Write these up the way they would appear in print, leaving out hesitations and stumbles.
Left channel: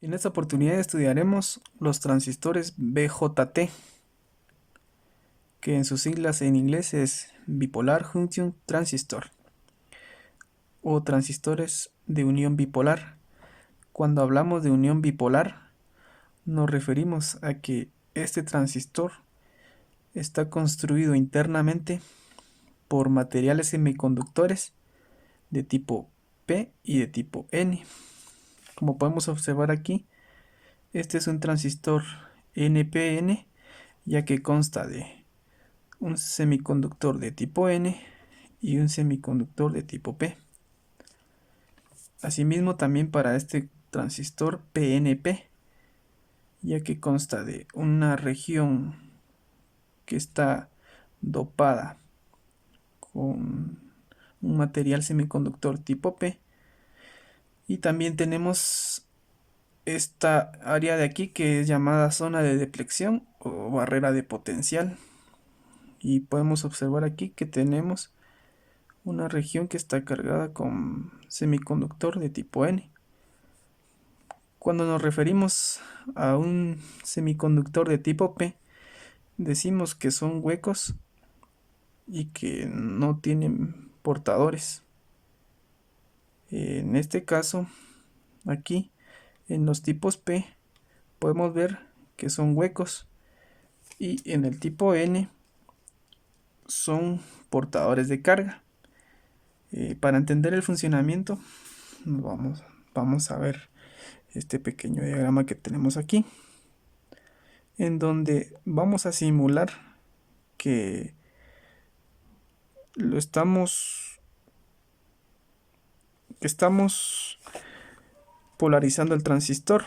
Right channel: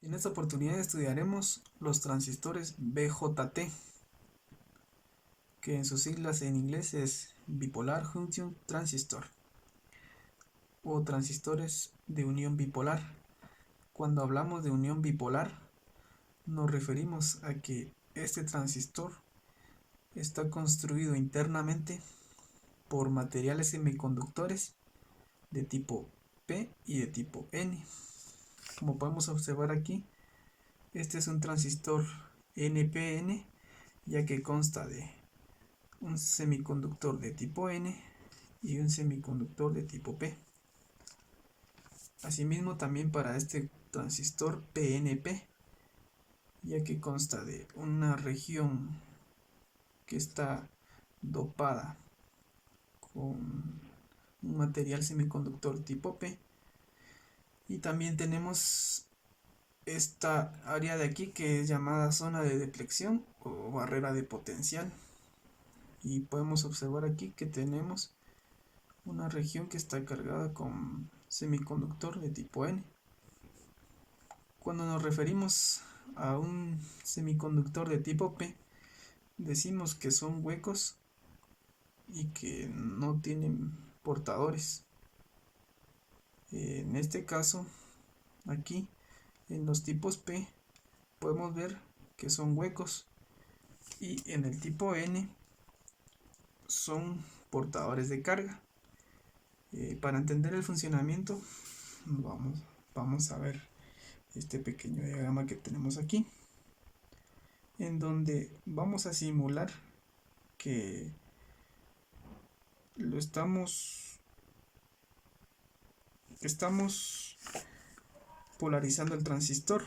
En esta oportunidad estudiaremos los transistores BJT, que en sus siglas en inglés es Bipolar Junction Transistor o transistores de unión bipolar. Cuando hablamos de unión bipolar, nos referimos a que este transistor está construido internamente por materiales semiconductores de tipo P y de tipo N. Como podemos observar aquí, este es un transistor NPN, ya que consta de un semiconductor de tipo N y un semiconductor de tipo P. Asimismo, también para este transistor PNP, ya que consta de una región que está dopada con un material semiconductor tipo P, y también tenemos esta área de aquí que es llamada zona de depleción o barrera de potencial, y podemos observar aquí que tenemos una región que está cargada con semiconductor de tipo N. Cuando nos referimos a un semiconductor de tipo P, decimos que son huecos y que no tienen portadores. En este caso, aquí en los tipos P podemos ver que son huecos, y en el tipo N son portadores de carga. Para entender el funcionamiento, vamos a ver este pequeño diagrama que tenemos aquí, en donde vamos a simular que lo estamos polarizando el transistor.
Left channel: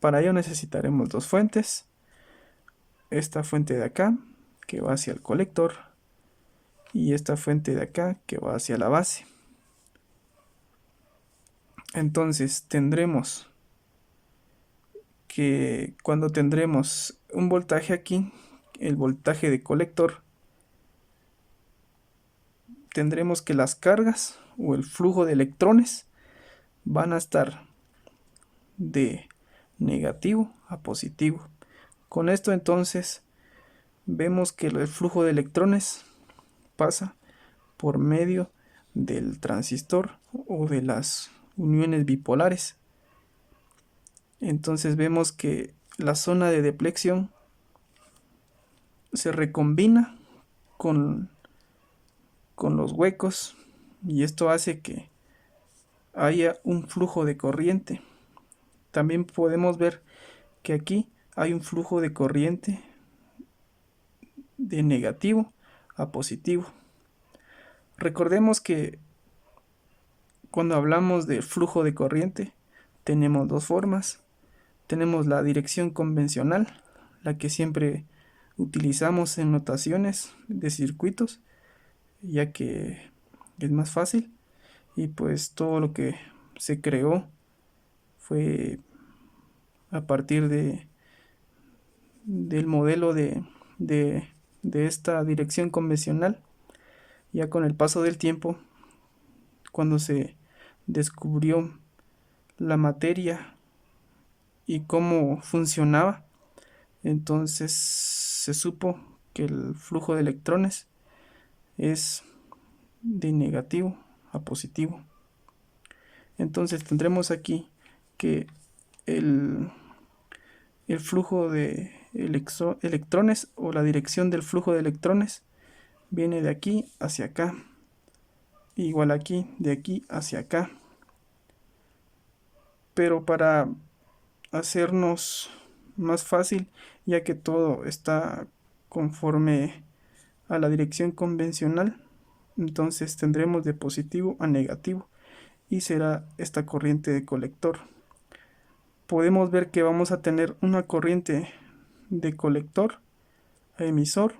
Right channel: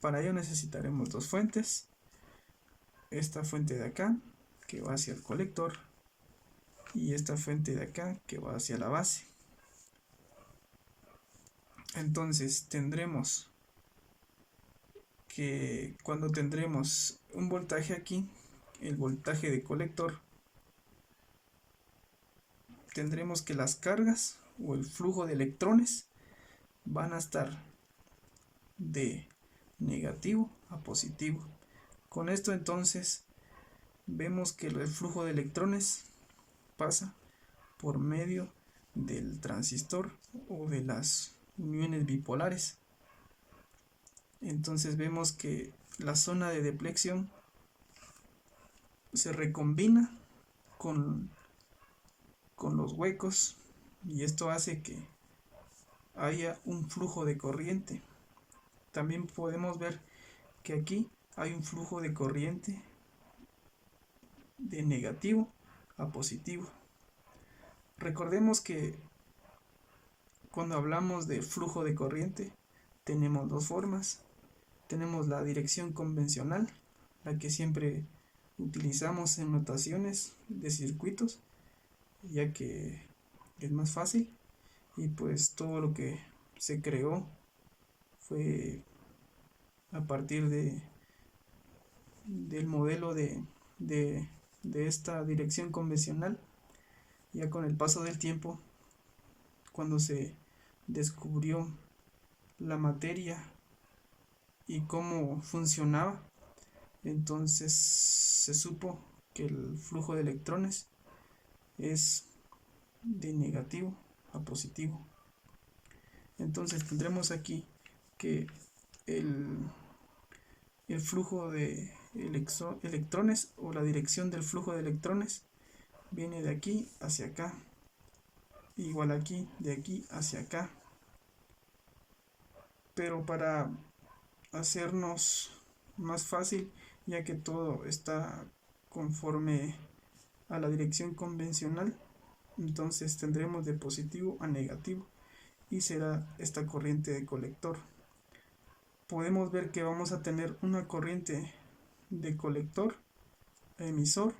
Para ello necesitaremos dos fuentes. Esta fuente de acá, que va hacia el colector, y esta fuente de acá, que va hacia la base. Entonces tendremos que cuando tendremos un voltaje aquí, el voltaje de colector, tendremos que las cargas o el flujo de electrones van a estar de negativo a positivo. Con esto entonces vemos que el flujo de electrones pasa por medio del transistor o de las uniones bipolares. Entonces vemos que la zona de depleción se recombina con, con los huecos, y esto hace que haya un flujo de corriente. También podemos ver que aquí hay un flujo de corriente de negativo a positivo. Recordemos que cuando hablamos de flujo de corriente tenemos dos formas. Tenemos la dirección convencional, la que siempre utilizamos en notaciones de circuitos, ya que es más fácil, y pues todo lo que se creó fue a partir del modelo de esta dirección convencional. Ya con el paso del tiempo, cuando se descubrió la materia y cómo funcionaba, entonces se supo que el flujo de electrones es de negativo a positivo. Entonces tendremos aquí que el, el flujo de electrones, o la dirección del flujo de electrones, viene de aquí hacia acá, igual aquí, de aquí hacia acá. Pero para hacernos más fácil, ya que todo está conforme a la dirección convencional, entonces tendremos de positivo a negativo, y será esta corriente de colector. Podemos ver que vamos a tener una corriente de colector a emisor,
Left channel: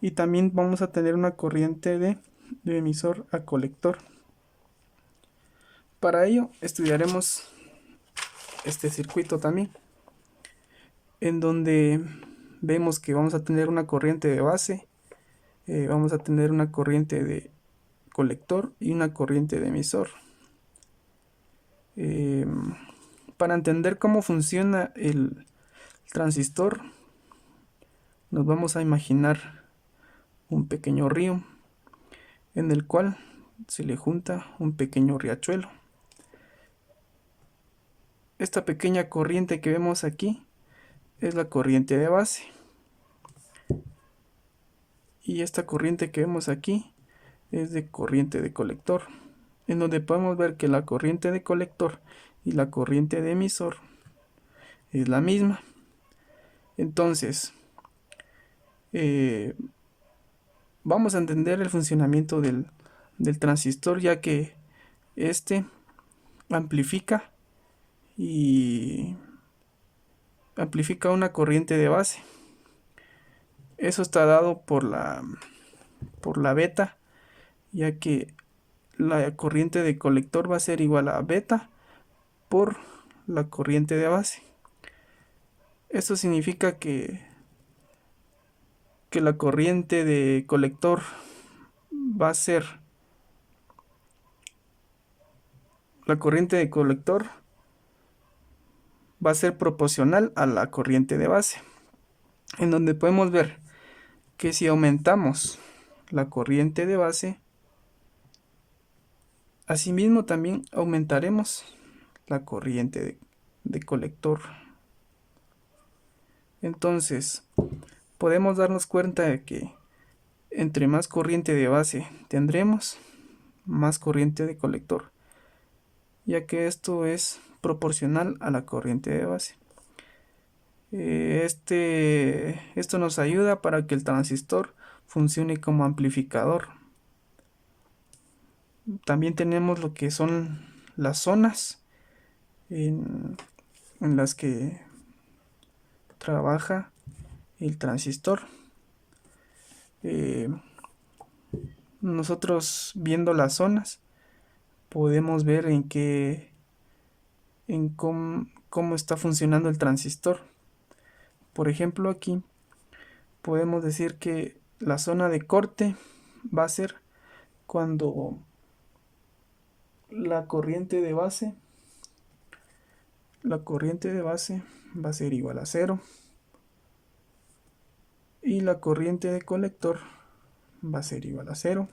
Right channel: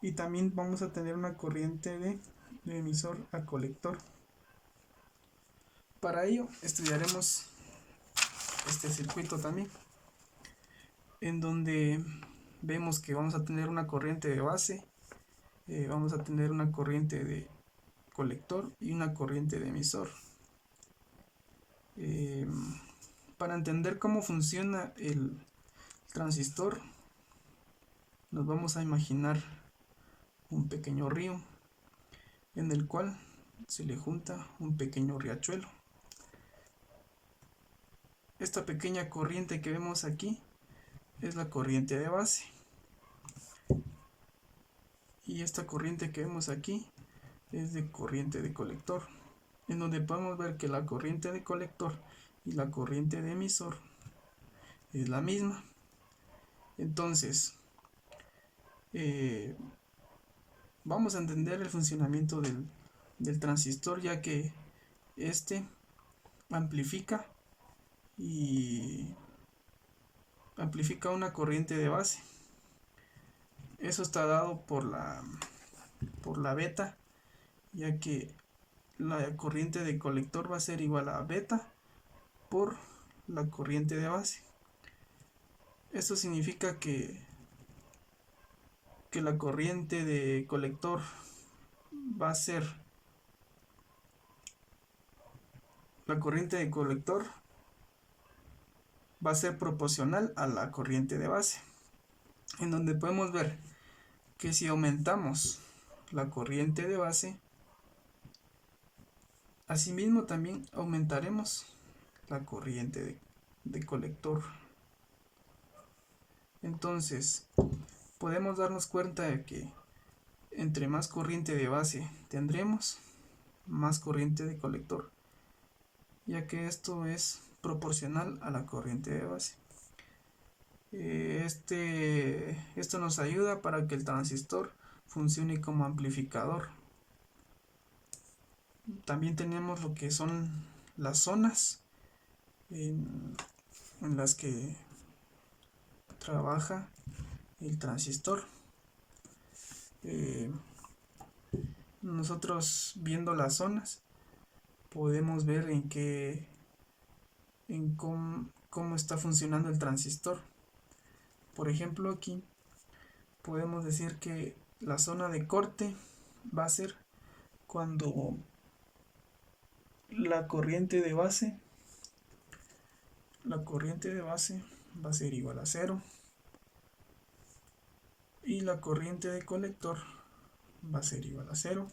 y también vamos a tener una corriente de emisor a colector. Para ello estudiaremos este circuito también, en donde vemos que vamos a tener una corriente de base, vamos a tener una corriente de colector y una corriente de emisor. Para entender cómo funciona el transistor, nos vamos a imaginar un pequeño río en el cual se le junta un pequeño riachuelo. Esta pequeña corriente que vemos aquí es la corriente de base. Y esta corriente que vemos aquí es de corriente de colector, en donde podemos ver que la corriente de colector y la corriente de emisor es la misma. Entonces, vamos a entender el funcionamiento del transistor, ya que este amplifica y amplifica una corriente de base. Eso está dado por la beta, ya que la corriente de colector va a ser igual a beta por la corriente de base. Esto significa que la corriente de colector va a ser proporcional a la corriente de base, en donde podemos ver que si aumentamos la corriente de base, asimismo también aumentaremos la corriente de colector. Entonces, podemos darnos cuenta de que entre más corriente de base tendremos, más corriente de colector, ya que esto es proporcional a la corriente de base. Esto nos ayuda para que el transistor funcione como amplificador. También tenemos lo que son las zonas en las que trabaja el transistor. Nosotros, viendo las zonas, podemos ver cómo está funcionando el transistor. Por ejemplo, aquí podemos decir que la zona de corte va a ser cuando la corriente de base va a ser igual a 0 y la corriente de colector va a ser igual a 0,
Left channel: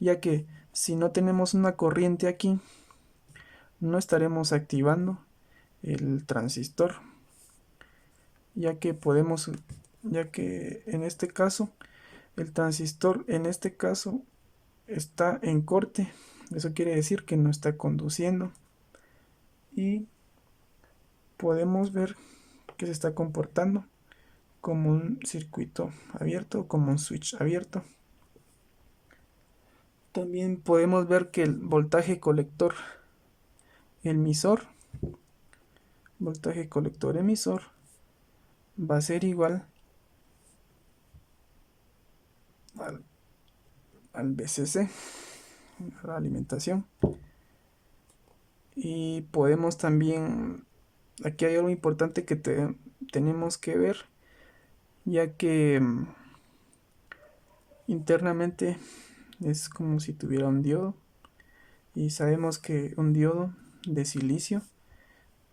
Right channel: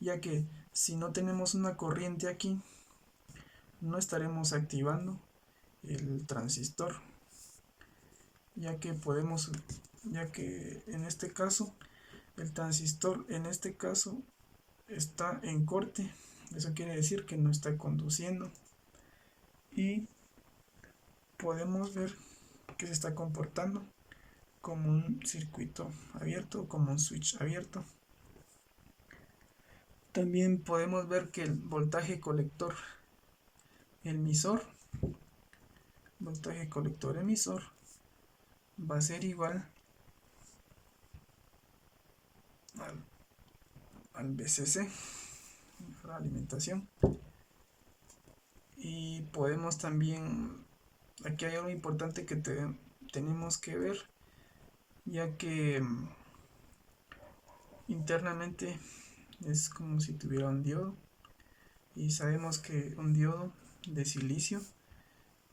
ya que si no tenemos una corriente aquí, no estaremos activando el transistor, ya que en este caso el transistor está en corte. Eso quiere decir que no está conduciendo, y podemos ver que se está comportando como un circuito abierto, como un switch abierto. También podemos ver que el voltaje colector emisor va a ser igual al VCC, la alimentación. Y podemos también, aquí hay algo importante que tenemos que ver, ya que internamente es como si tuviera un diodo, y sabemos que un diodo de silicio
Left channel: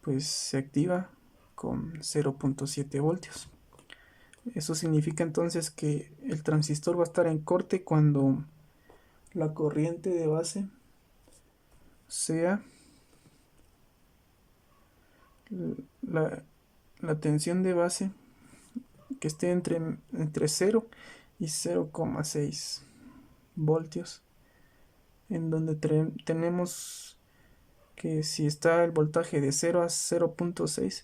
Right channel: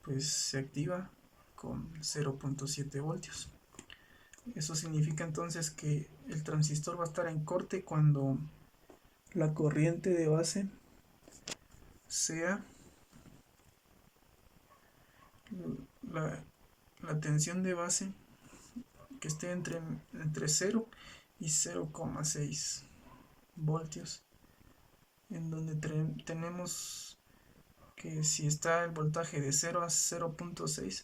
pues se activa con 0.7 voltios. Eso significa entonces que el transistor va a estar en corte cuando la corriente de base sea la tensión de base que esté entre 0 y 0,6 voltios, en donde tenemos que si está el voltaje de 0 a 0.6,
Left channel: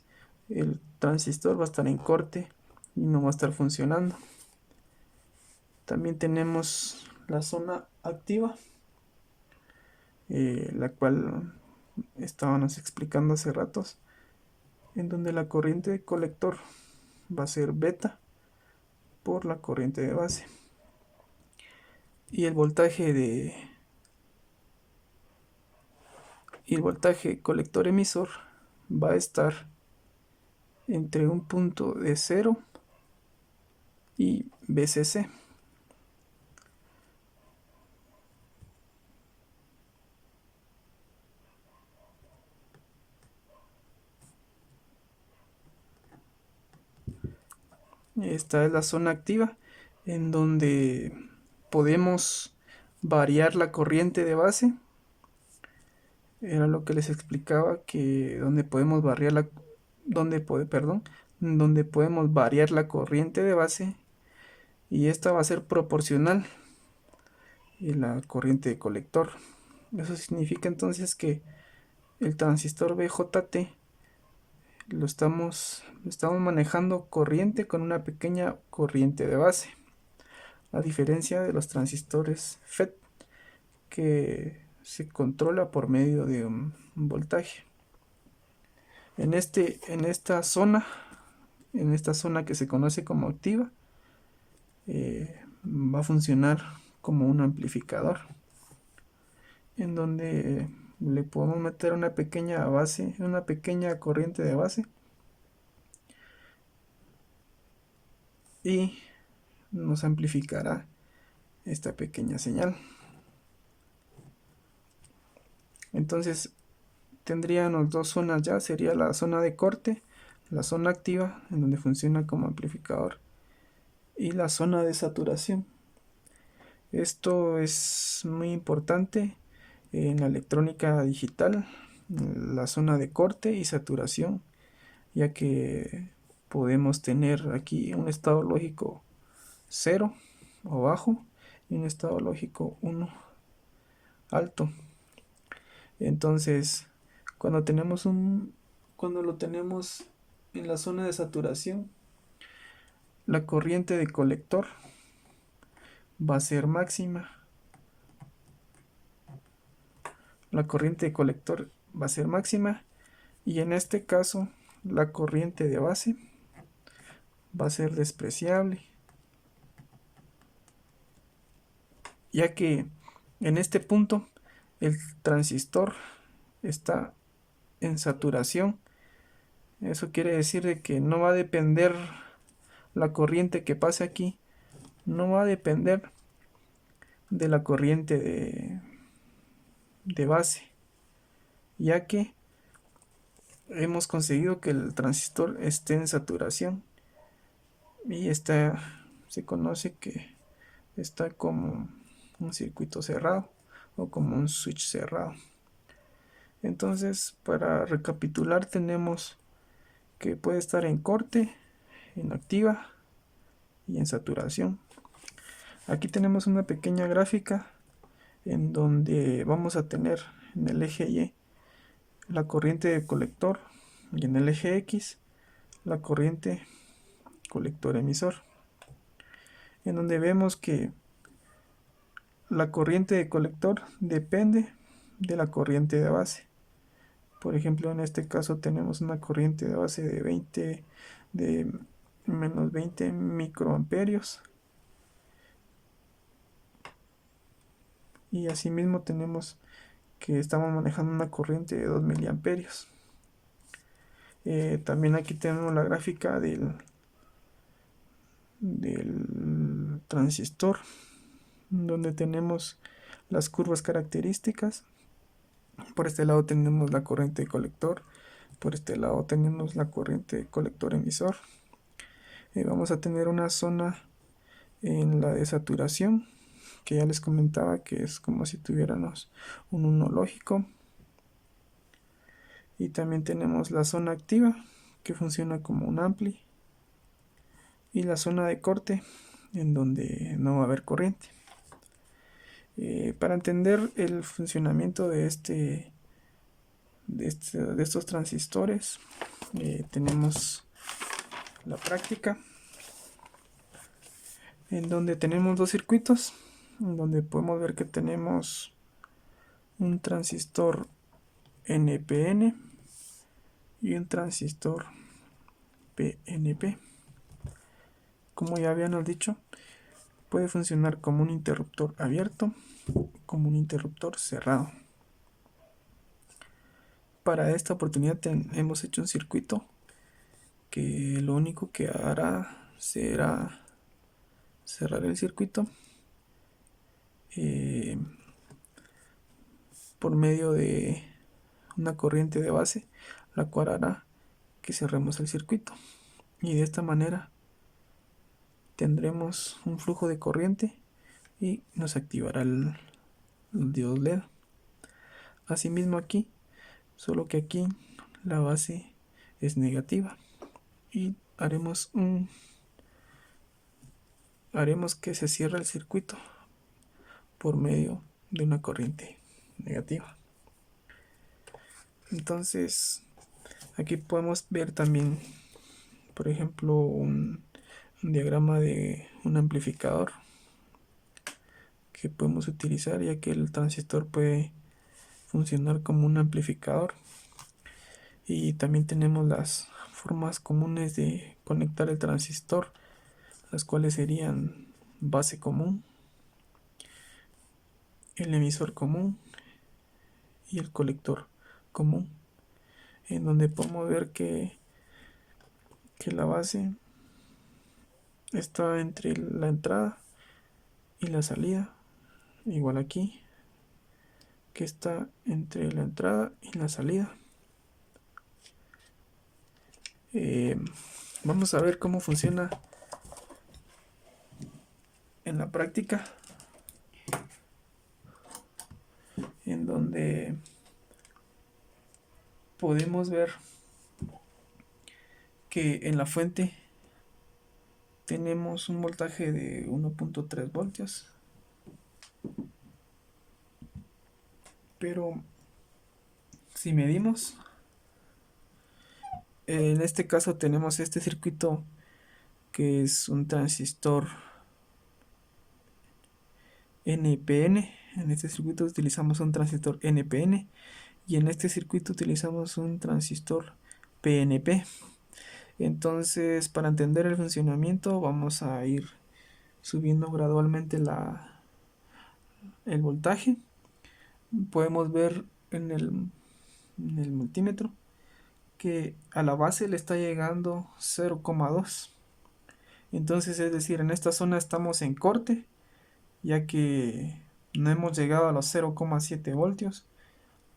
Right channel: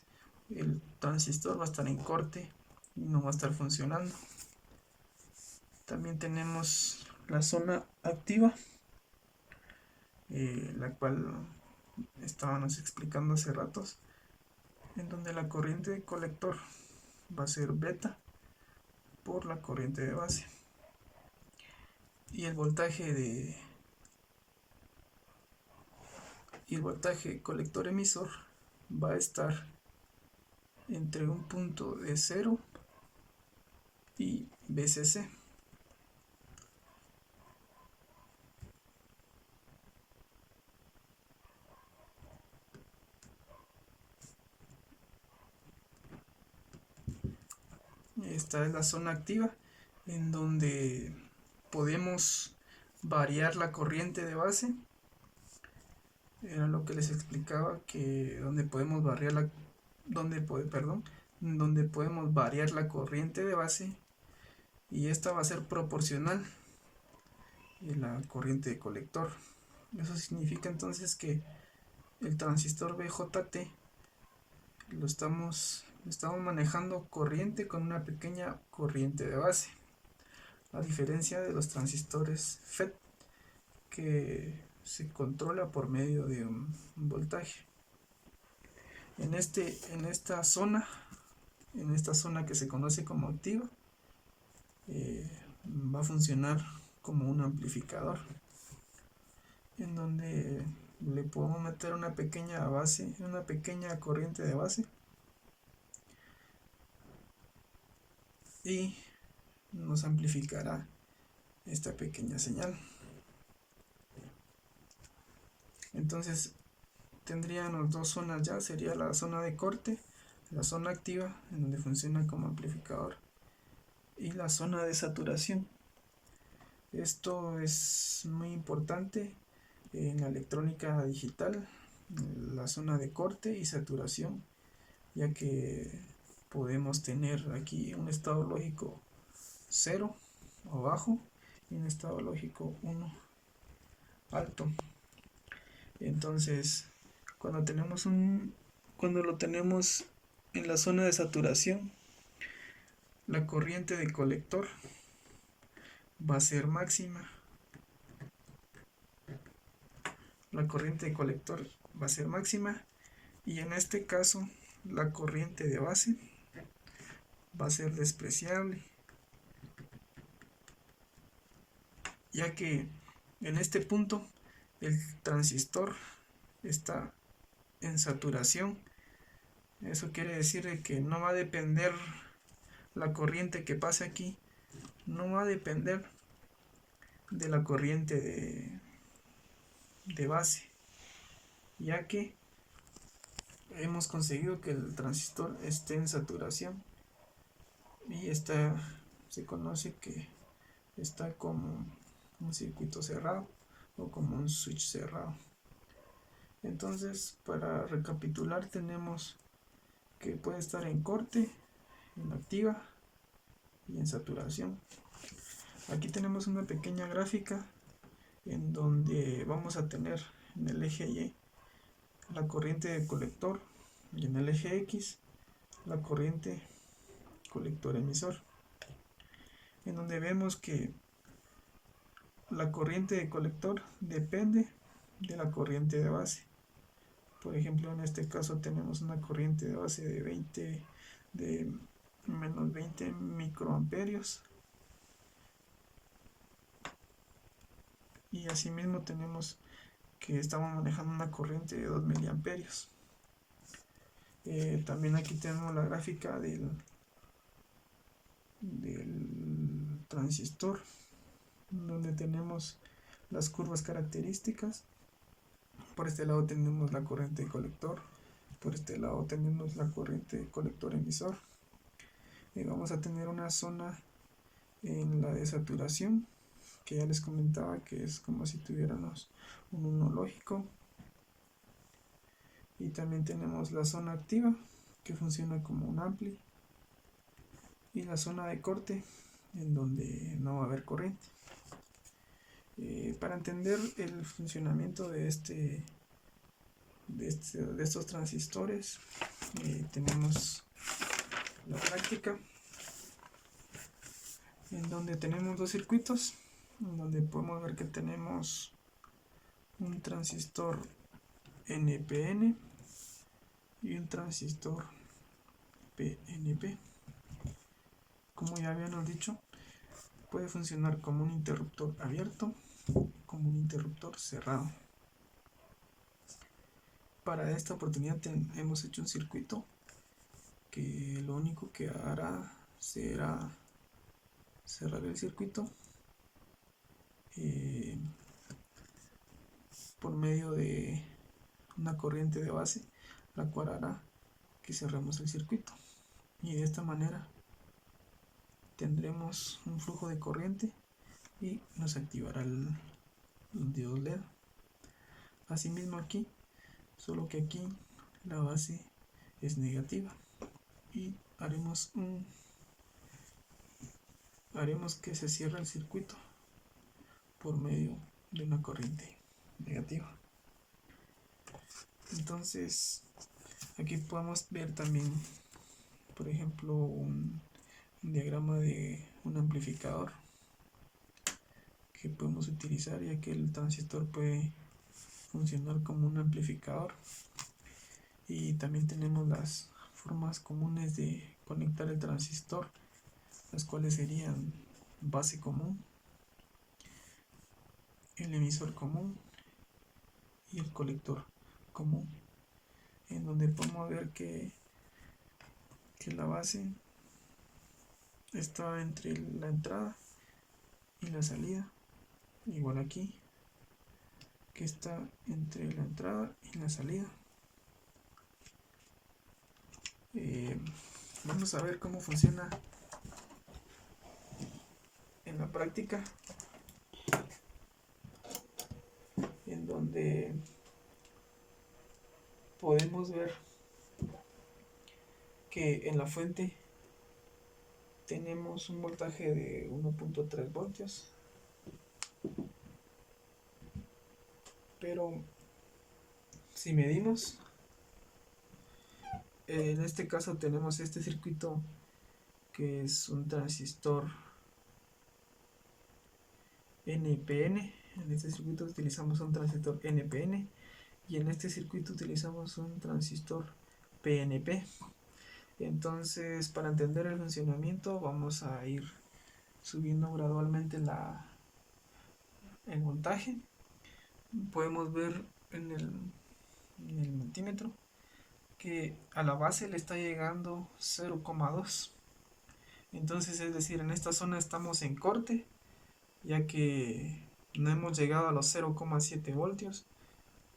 el transistor va a estar en corte y no va a estar funcionando. También tenemos la zona activa, la cual estábamos explicando hace ratos, en donde la corriente de colector va a ser beta por la corriente de base, y el voltaje colector emisor va a estar entre un punto de 0 y VCC. Esta es la zona activa, en donde podemos variar la corriente de base. Era lo que les explicaba, que donde podemos donde podemos variar la corriente de base, y esta va a ser proporcional a la corriente de colector. Eso significa entonces que el transistor BJT estamos manejando corriente con una pequeña corriente de base, a diferencia de los transistores FET, que se controla por medio de un voltaje. En esta zona que se conoce como activa, va a funcionar como un amplificador, en donde le podemos meter una pequeña corriente de base, y nos amplificará esta pequeña señal. Entonces tendríamos dos zonas ya, sería la zona de corte, la zona activa, en donde funciona como amplificador, y la zona de saturación. Esto es muy importante en la electrónica digital, la zona de corte y saturación, ya que podemos tener aquí un estado lógico 0 o bajo y un estado lógico 1 alto. Entonces, cuando lo tenemos en la zona de saturación, la corriente de colector va a ser máxima. La corriente de colector va a ser máxima, y en este caso la corriente de base va a ser despreciable, ya que en este punto el transistor está en saturación. Eso quiere decir de que no va a depender la corriente que pase aquí, no va a depender de la corriente de base, ya que hemos conseguido que el transistor esté en saturación, y se conoce que está como un circuito cerrado o como un switch cerrado. Entonces, para recapitular, tenemos que puede estar en corte, en activa y en saturación. Aquí tenemos una pequeña gráfica en donde vamos a tener en el eje Y la corriente de colector, y en el eje X la corriente colector emisor, en donde vemos que la corriente de colector depende de la corriente de base. Por ejemplo, en este caso tenemos una corriente de base de menos 20 microamperios, y asimismo tenemos que estamos manejando una corriente de 2 miliamperios. También aquí tenemos la gráfica del transistor, donde tenemos las curvas características. Por este lado tenemos la corriente de colector, por este lado tenemos la corriente de colector emisor. Vamos a tener una zona en la de saturación, que ya les comentaba que es como si tuviéramos un 1 lógico. Y también tenemos la zona activa, que funciona como un ampli, y la zona de corte, en donde no va a haber corriente. Para entender el funcionamiento de estos transistores, tenemos la práctica, en donde tenemos dos circuitos, en donde podemos ver que tenemos un transistor NPN y un transistor PNP. Como ya habíamos dicho, puede funcionar como un interruptor abierto, como un interruptor cerrado. Para esta oportunidad hemos hecho un circuito que lo único que hará será cerrar el circuito por medio de una corriente de base, la cual hará que cerremos el circuito, y de esta manera tendremos un flujo de corriente y nos activará el diodo LED. Asimismo aquí, solo que aquí la base es negativa y haremos que se cierre el circuito por medio de una corriente negativa. Entonces aquí podemos ver también, por ejemplo, un diagrama de un amplificador que podemos utilizar, ya que el transistor puede funcionar como un amplificador. Y también tenemos las formas comunes de conectar el transistor, las cuales serían base común, el emisor común y el colector común, en donde podemos ver que la base está entre la entrada y la salida, igual aquí, que está entre la entrada y la salida. Vamos a ver cómo funciona en la práctica, en donde podemos ver que en la fuente tenemos un voltaje de 1.3 voltios, pero si medimos, en este caso tenemos este circuito que es un transistor NPN. En este circuito utilizamos un transistor NPN y en este circuito utilizamos un transistor PNP. Entonces, para entender el funcionamiento, vamos a ir subiendo gradualmente el voltaje. Podemos ver en el multímetro que a la base le está llegando 0,2. Entonces, es decir, en esta zona estamos en corte, ya que no hemos llegado a los 0,7 voltios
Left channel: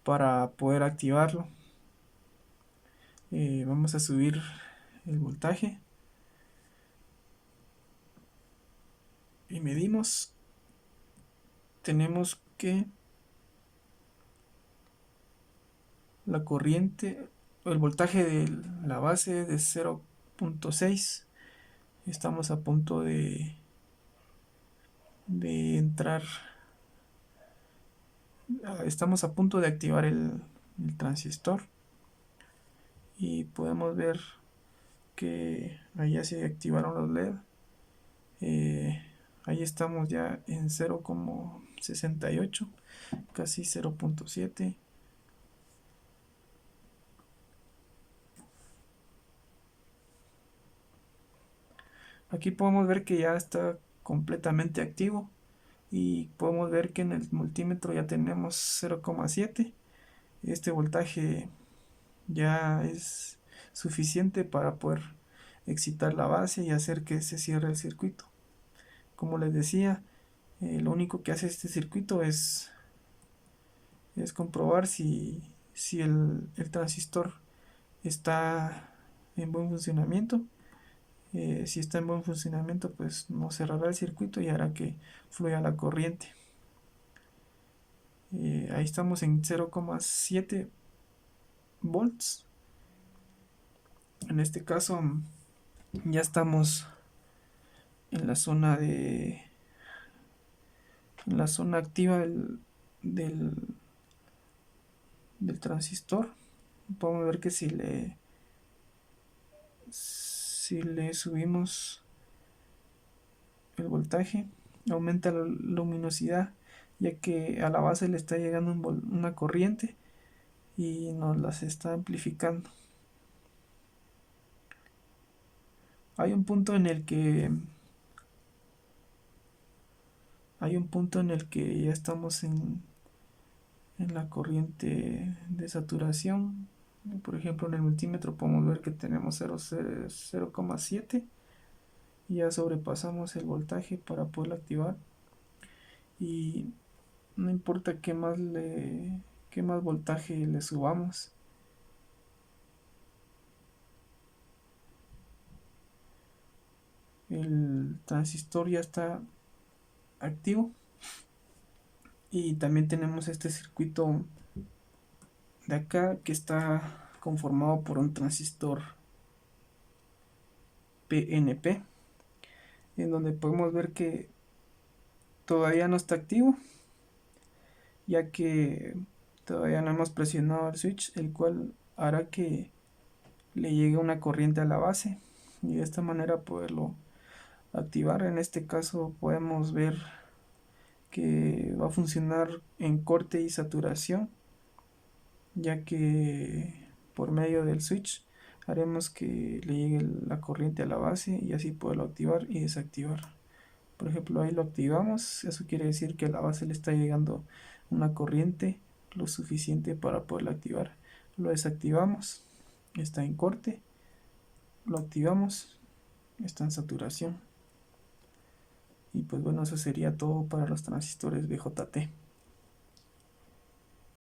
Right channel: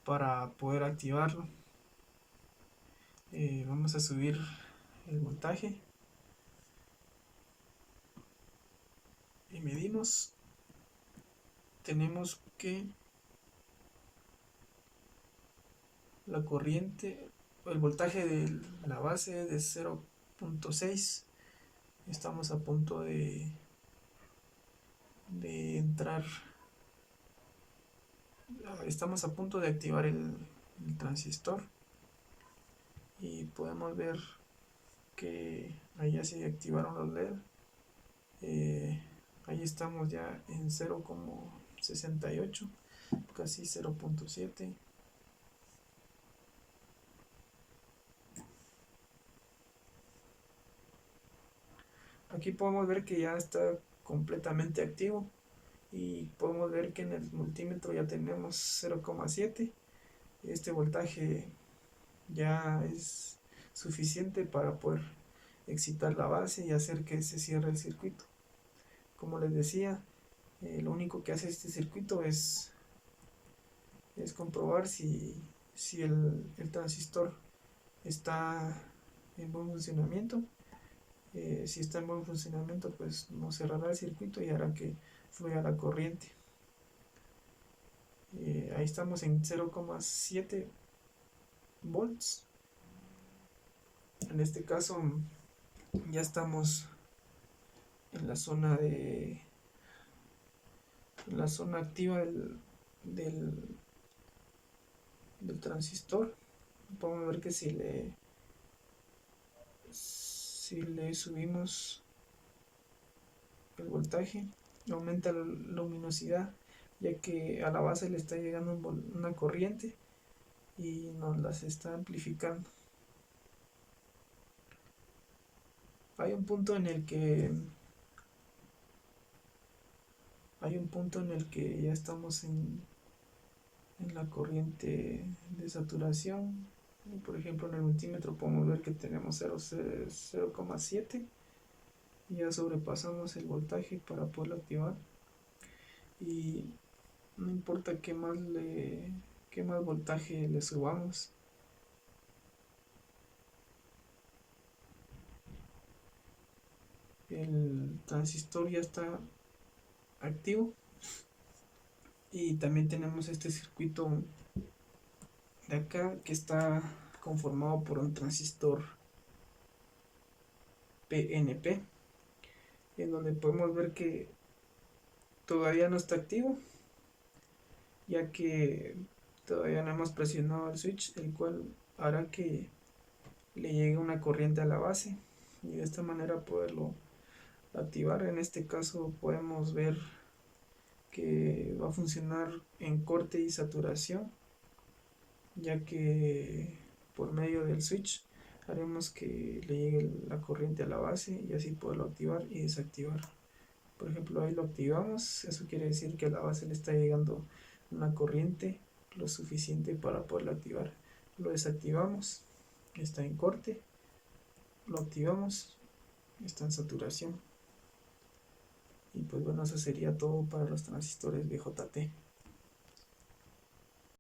para poder activarlo. Vamos a subir el voltaje y medimos. Tenemos que la corriente, el voltaje de la base es de 0.6. Estamos a punto de entrar, estamos a punto de activar el transistor y podemos ver que ahí ya se activaron los LED. Ahí estamos ya en 0,68, casi 0.7. Aquí podemos ver que ya está completamente activo y podemos ver que en el multímetro ya tenemos 0,7. Este voltaje ya es suficiente para poder excitar la base y hacer que se cierre el circuito. Como les decía, lo único que hace este circuito es comprobar si el transistor está en buen funcionamiento. Si está en buen funcionamiento, pues no cerrará el circuito y hará que fluya la corriente. Ahí estamos en 0,7 volts. En este caso ya estamos en la zona activa del transistor. Podemos ver que si le subimos el voltaje, aumenta la luminosidad, ya que a la base le está llegando una corriente y nos las está amplificando. Hay un punto en el que ya estamos en la corriente de saturación. Por ejemplo, en el multímetro podemos ver que tenemos 0,7 y ya sobrepasamos el voltaje para poderlo activar. Y no importa qué más voltaje le subamos, el transistor ya está activo. Y también tenemos este circuito de acá que está conformado por un transistor PNP, en donde podemos ver que todavía no está activo, ya que todavía no hemos presionado el switch, el cual hará que le llegue una corriente a la base y de esta manera poderlo activar. En este caso podemos ver que va a funcionar en corte y saturación, ya que por medio del switch haremos que le llegue la corriente a la base y así poderlo activar y desactivar. Por ejemplo, ahí lo activamos, eso quiere decir que a la base le está llegando una corriente lo suficiente para poderlo activar. Lo desactivamos, está en corte, lo activamos, está en saturación. Y pues bueno, eso sería todo para los transistores BJT.